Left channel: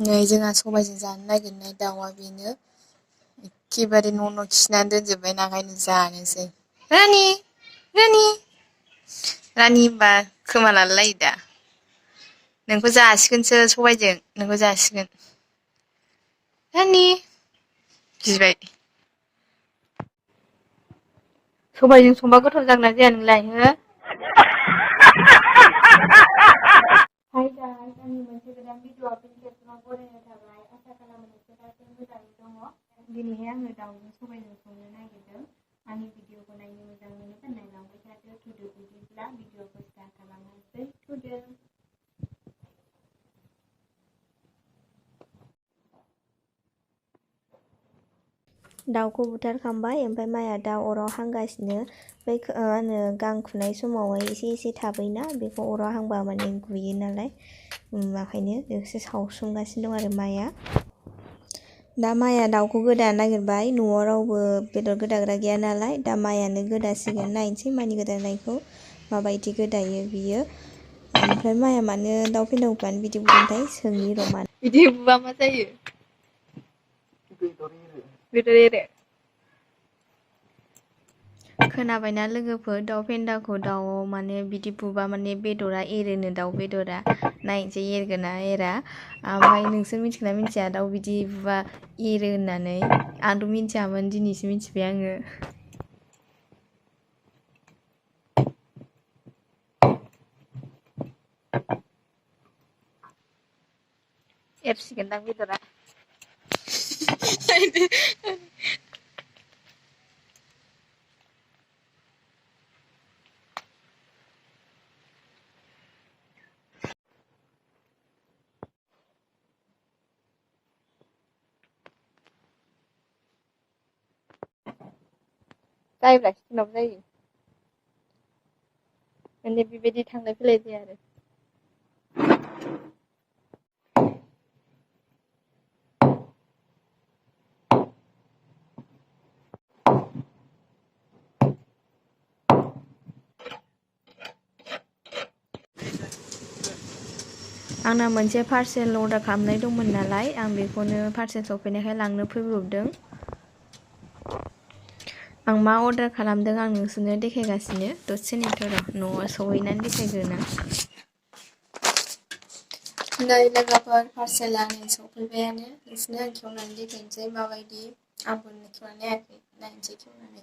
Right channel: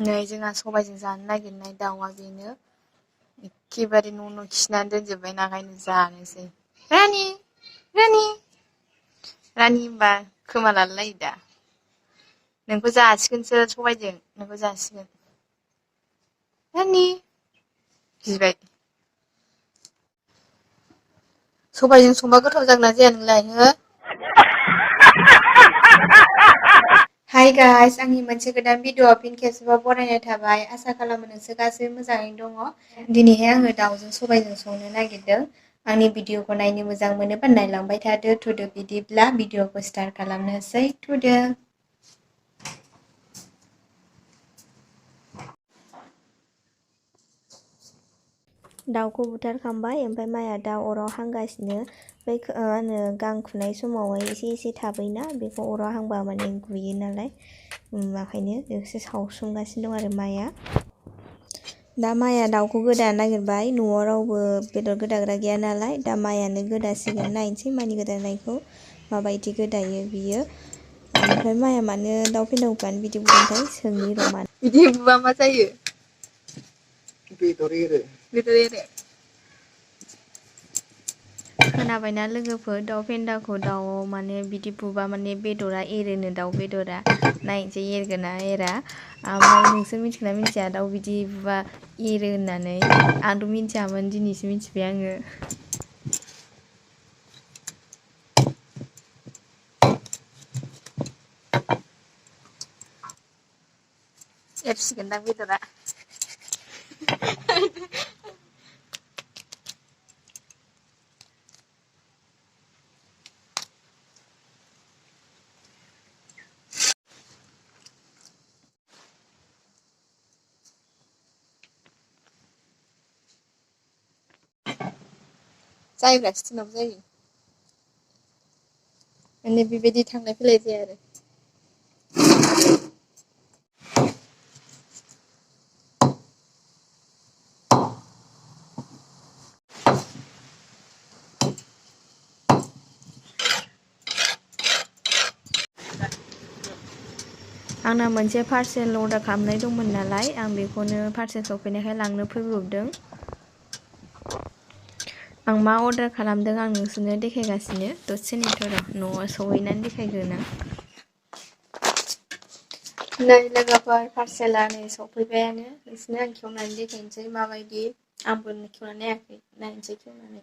नै जोंहा सबाइजों जानो नागिरनाय दाउआ बेनो एखेबारे न' खिनानै दोनजोब्बाय नागायनो जानोसै रानि रानि रानि होनबा खोमा लालायो दा नोंखौ जासिगोनसो सबाइजों नोंखौ जासिगोन रानि गिबाय सबाइजों संबा गोथाव जागोन ना जाया नोंलाय हो हाय गाइस आंनि मोनसे गोदान भिडिअ'आव फिन खेबसेबाव बरायनाय थाबाय आसा खालामो नोंसोर गासैबो मोजाङैनो दङ दिनैहाय आङो दाउजों सबाइजों संनो नागिरदों आंनि भिडिअ'खौ नायनो मोजां मोनोबा नायलांबाय थादो थुदो बिदिब्ला भिडिअ'खौ स्टार्ट खालामनोसै थुदो दाउखौ बुथारखांबाय ओमफ्राय माइया दा अराव हांगासिनो बै गां खुनाय समावहाय एसे एसे थाबैना बेखौ अराव हांबा माने गुयो नालाय ओंखायनो एसे सावसुमगासिनो दं आरो माइया दा माइया दाउखौ गोदानो नागिरबाय न'आव रावबो बेदर गोदाग्रा गैया नालाय दा माइयानो गोदासिगोन नायनोसै माइनि गोदानायखौ माबायदि गोदायो बियो ओमफ्राय माइया मानो दाउ फेन्दाखौ बिदि बुदोंथाय सोंनि र' मानो बिदि बुबा मा जायो बेदर एरो खोनाबायना लोगोफोर दाउ फेन्दाखौ दाउआव माने बिदि बुबा माने बेदरा एरोनो दाउ बेदरा नायनोसै एरगोन ना एरा ओमफ्राय नोंसोर मिथिगोना मिथिया दाउ बिदि बुबा एरो होननानै आंथ' मिथियामोन दिनैसो मिथिबाय आङो एरसिगोनदां बेदरा जायोब्ला सिथिनाव जायो माने बेबायदि थांलाय फैलाय जाया आरो आंना मोनसे पार्सेल अर्डार खालामनाय दंमोन नालाय आं बेखौनो पार्सेल सफैनायखाय लांनो फैब्रबदों आं मा अर्डार खालामदों आं नोंसोरनो देखायगासिनो दसे नेथ' र' न'आव सहैनानै देखायगोन आं नै लोगोफोर पार्सेला नै सफैबायानो नोंसोरनो आं खेवनानै देखायनोसै माबायदि आंबो खेवनानै नायाखै नायनोसै खेवनानै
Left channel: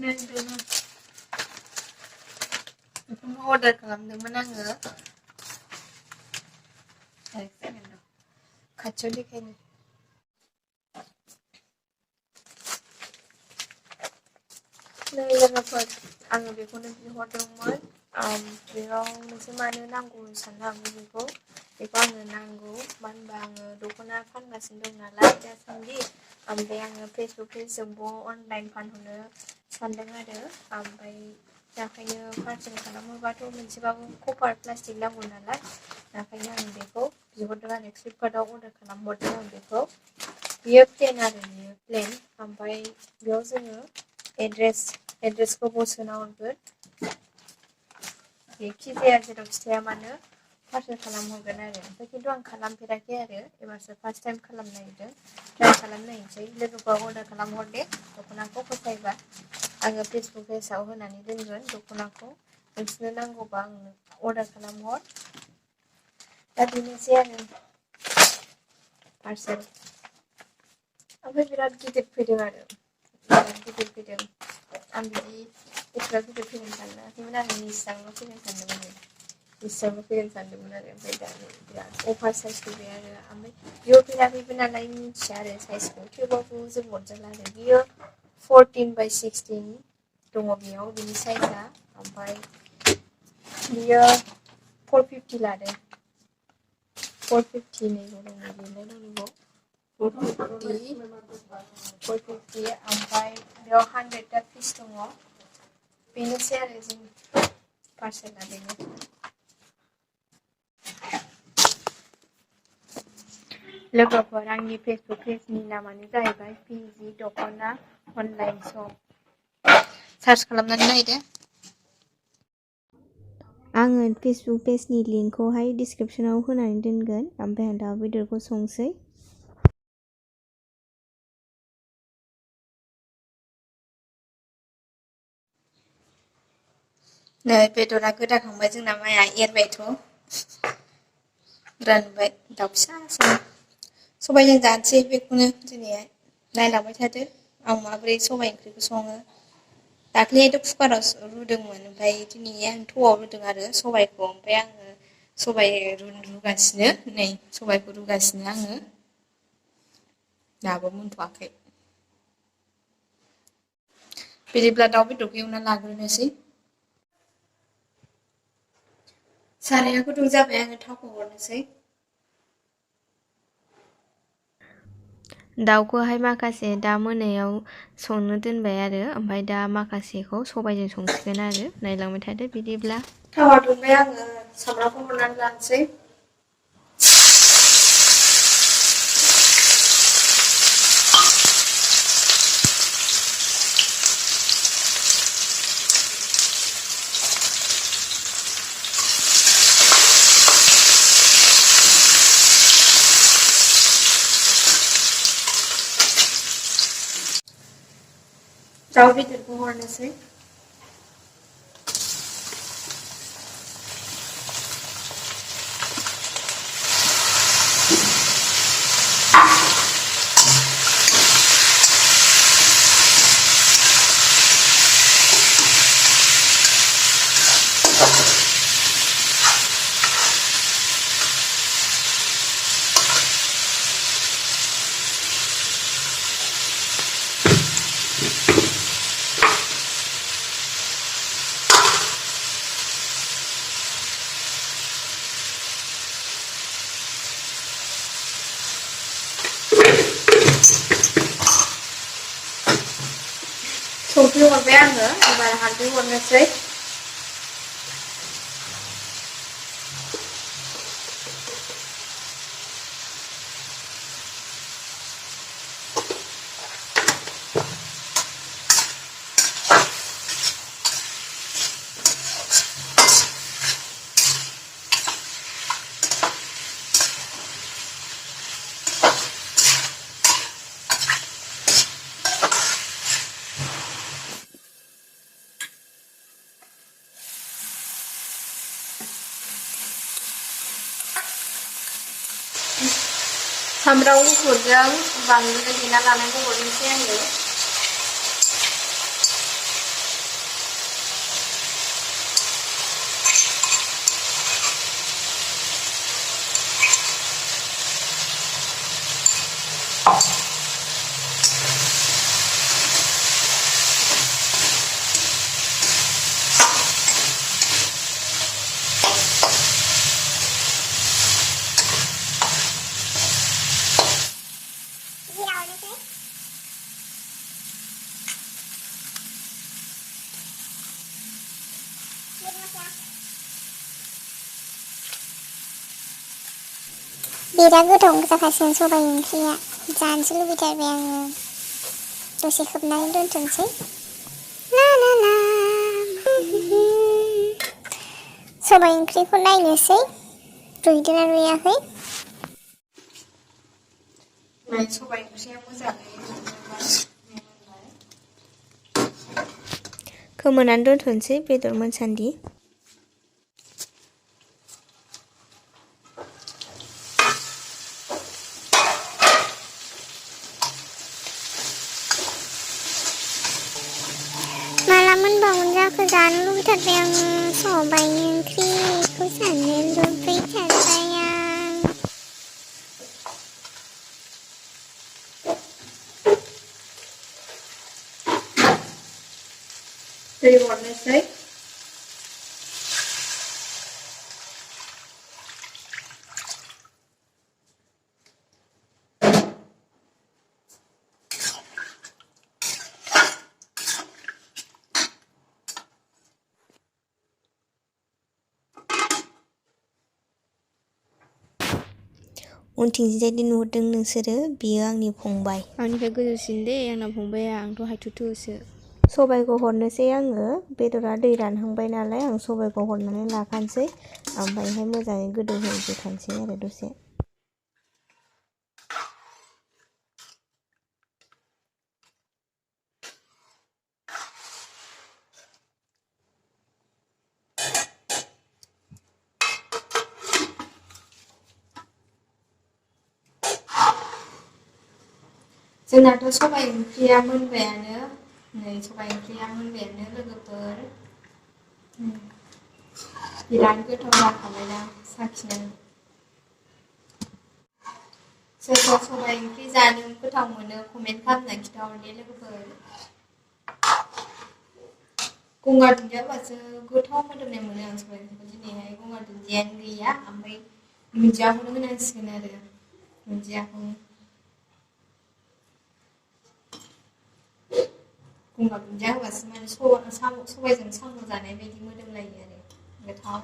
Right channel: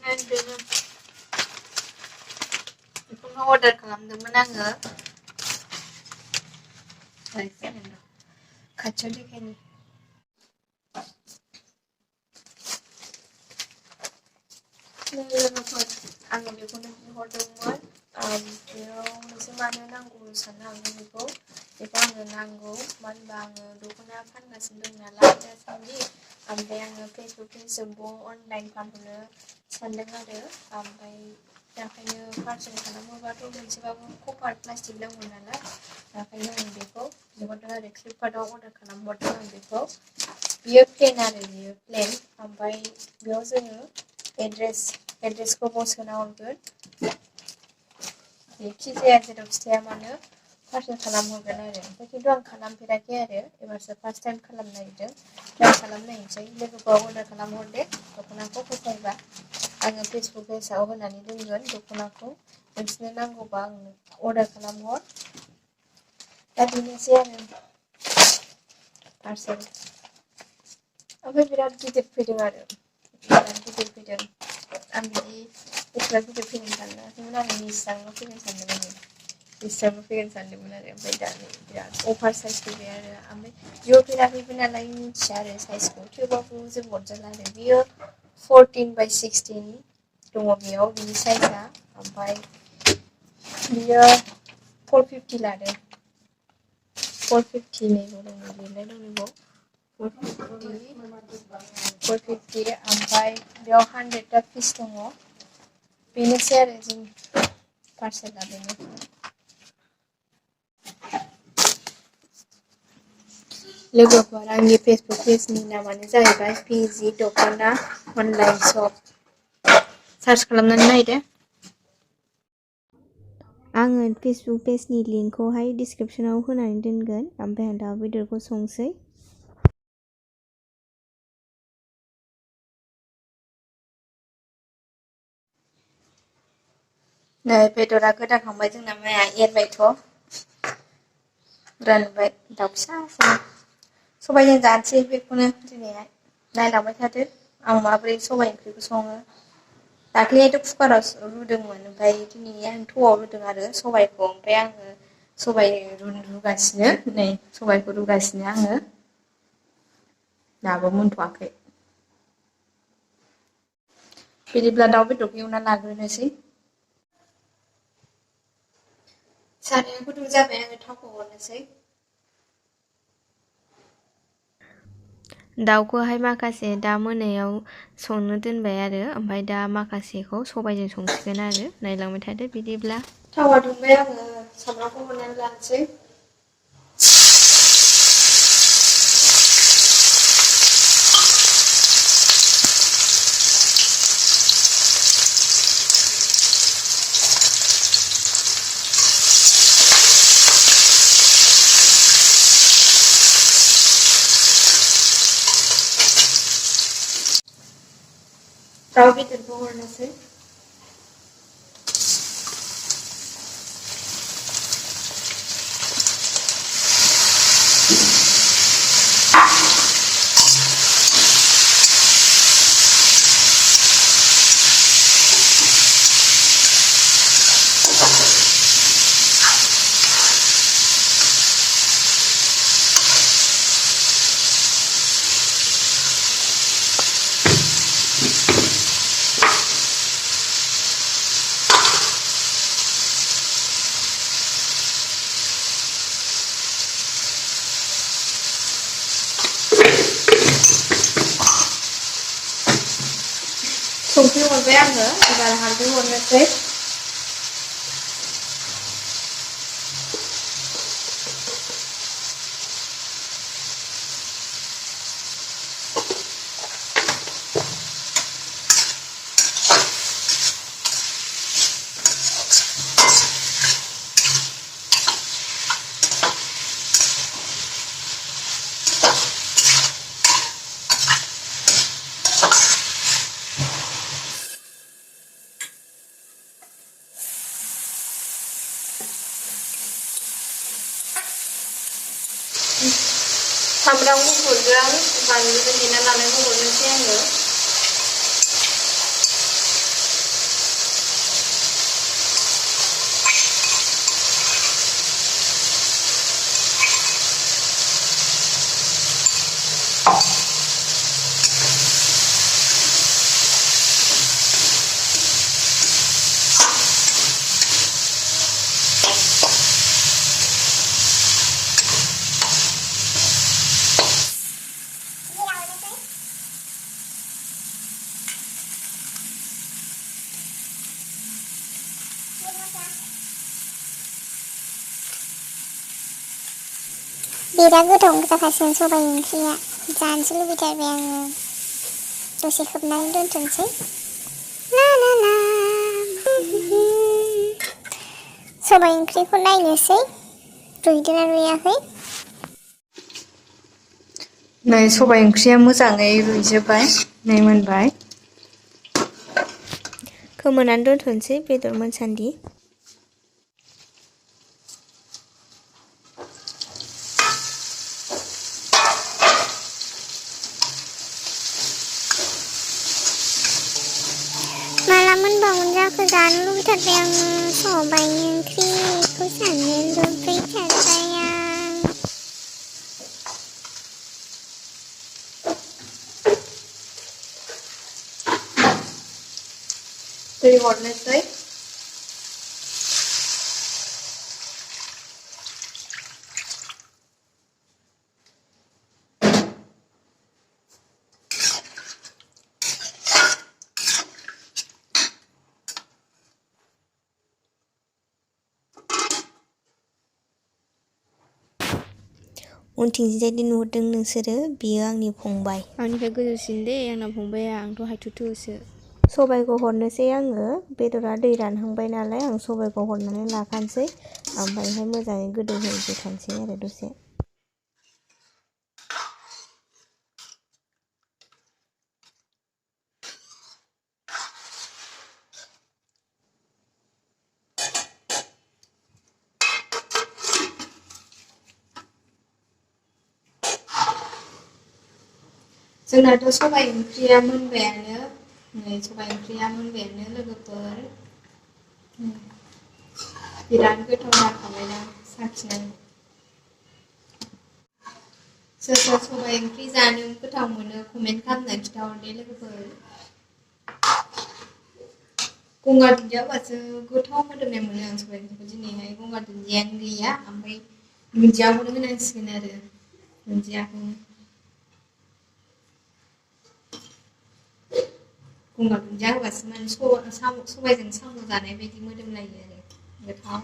नै बेनो बेखौनो अर्डार खालामदोंमोन आङो खाथियाव देखायनि नै लोगोफोर आङो बेखौनो बिहरदोंमोन बेयाव नोंसोर मानो नांगौ साननो हागौ बेखौ आंनो नांगौ मानो होनबा आङो दख'ना फानगासिनो दं नालाय दासान्दि ओमफ्राय आङो फेसबुक पेजजोंबो अनलाइन फानहरनो सानदों आरो ओमफ्राय दा ओंखायनो पार्सेल खालामोबाथ' मोनसेबाबो कभार प्लास्टिक नांगौ नालाय दा ओंखायनो आं बेखौ बिहरदों आरो फ्लिपकार्टआव अर्डार खालामहरदों आं बेखौ बियो प्लेन आरो बियो प्लेन ओमफ्राय बेयाव जोङो एड्रेसखौ सोना हरगोन जेखि जाया जेराव खिथाया मानो पार्सेल खालामहरगोन आरो ओमफ्राय खिन्थु आं खालामफेराखै आरो एबारसो फार्स्ट टाइम खालामनो नागिरदों ट्राइ खालामनायनोसै लोगोखौ अर्डार खालामहरदे दख'नाखौ फसायबा आङो फेसबुक पेजाव होनानै दोनगोन दख'नाखौ नोंसोरनो नांगौबा आंनो अर्डार खालामहर दा बेनोसै आरो पार्सेल ओमफ्राय बिराद गिदिर फैदों आरो बिराद गिदिर फैदों आं बिदि एसेबां गिदिर फैगोन सानाखैमोन आरो निस्रांल' फैगोन सानदोंमोन आरो ओमफ्राय दा बिराद अभार साइज फैबाय आरो ओमफ्राय बिहरफेराखैबो नालाय मिथिया आरो साइजखौ थेवबाबो जों हरजाला आरो बियो 14/16 दङ बेयाव बिनि साइजआ ओमफ्राय बियो 450 लादों 450 नैबो दङ लिरनाय दङ 450 ओमफ्राय बेयाव 100टा पिस दङ बेनोसै आरो जोंनि पार्सेला बेनो लोगोफोर आंनि फेसबुक पेजनि नामानो जाहैबाय पिजि दख'ना अनलाइन शप सार्च खालामनानै नायदो आङो फेसबुक पेजनि लिंकखौहाय डिसक्रिपसनाव होनानै दोनगोन ओमफ्राय आं दाउ बेदरखौ संसै नै बेदरा गोदाखांबाय जोंना माइआ एरबायथ' रानबाय दाउ फिसा सबायजों जानोसै बेखौनो दिनैहाय नायलांबाय थादो आं माबोरै सबाइ ओंख्रिखौ सङो दाख्लैहायथ' कुकाराव रुदोंमोन ओमफ्राय दिनै आं थौआव रुदों आरो सबाइखौ ओमफ्राय आङो सबाइ रुगासिनो नै सबाइखौ रुगासिनो आङो दाबो मोनथ'वाखै बिदिब्ला दाउ बेदरखौ एवना लाग्रोनोसै साराया गुदुं जाबाय आङो थावखौ हरनोसै दाउखौहाय माखासे दा मोनायाव संनो दोनबाय आरो ओमफ्राय दा माखासेखौ सबाइजों संसिगोन आरो नायलांबाय थादो बिदिब्ला थावा दुंबाय आङो सामब्रामखौ हरनानै लानोसै दाउ बेदरखौ हरनोसै संख्रि हरबाय आङो एबार हालदै हरनोसै सामब्राम गुफुरजों बानलुजों देना लानायखौ हरनोसै आङो बिराद गोथाव जाखासिगोन सबाइ ओंख्रिया जानोसो लुबैथारबाय आङो दसे खोबनानै दोनथ'नोसै ला ला ला सबाइ ओंख्रिखौ नायनोसै रुइदोंना रुइयाखै नै सबाइ ओंख्रिया मोजाङै रुइजोबबाय नै मोनबाय खोमोनानै दोनथ'नोसै बेदर मोनसान्दि माला मोनबावगोन जाखो जानो लुबैथारबाय आं सबाइ ओंख्रिखौ जानो लुबैथारबाय आं दै हरनोसै उनथिंजायदि नुहुरदों नोंसोरो बियो आंनि फंबाय आंनिफ्राय गोजौसिन दे आंना फंबाया आंथ' हायथुथुसो सबाइखौ हरनोसै आङो बेदरा दै रानहांबाय नालाय आं सबाइखौ हरनानै लाखानोसै ओमफ्रायहाय मोजाङै गोदौहोबाय थानोसै आरो दसे जोंनाथ' सबाइ ओंख्रिया मोनबायानो नै सबाइ ओंख्रिया मोनबायानो लोगोफोर बिराद गोथाव जाखाबायना साखिनानै सोर सोर सबाइ ओंख्रि जानो गोथाव मोनो कमेन्ट खालामनानै खिन्थाहरदे लोगोफोर गंगार दुन्दिया होबासो गोथाव मोदोमनाय मोनो आं सबाइ ओंख्रिखौ दिनैहाय गंगार दुन्दियानो गैया ओमफ्राय दुन्दियाखौनो होनांसिगोन आरो दुन्दियाखौनो गंगार दुन्दिया होबासो माने सबाइजों साम' जानाय बायदि मोदोमलायो आरो गोथाव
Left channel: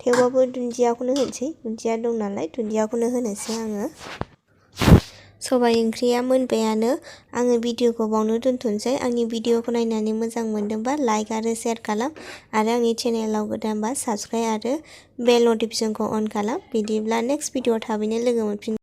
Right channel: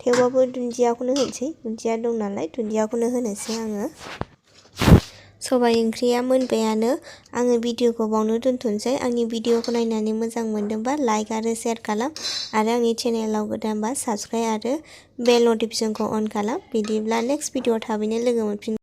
थेवबाबो दुन्दियाखौनो होनोसै दुन्दिया दं नालाय दुन्दियाखौनो होनोसै आङो सबाइ ओंख्रिया मोनबायानो आङो भिडिअखौ बावनो दोनथ'नोसै आंनि भिडिअखौ नायनानै मोजां मोनदोंबा लाइक आरो शेयार खालाम आरो आंनि चेनेलाव गोदानबा साबस्क्राइब आरो बेल नटिफिकेसनखौ अन खालाम बिदिब्ला नेक्स्ट भिडिअआव थाबैनो लोगो मोनफिन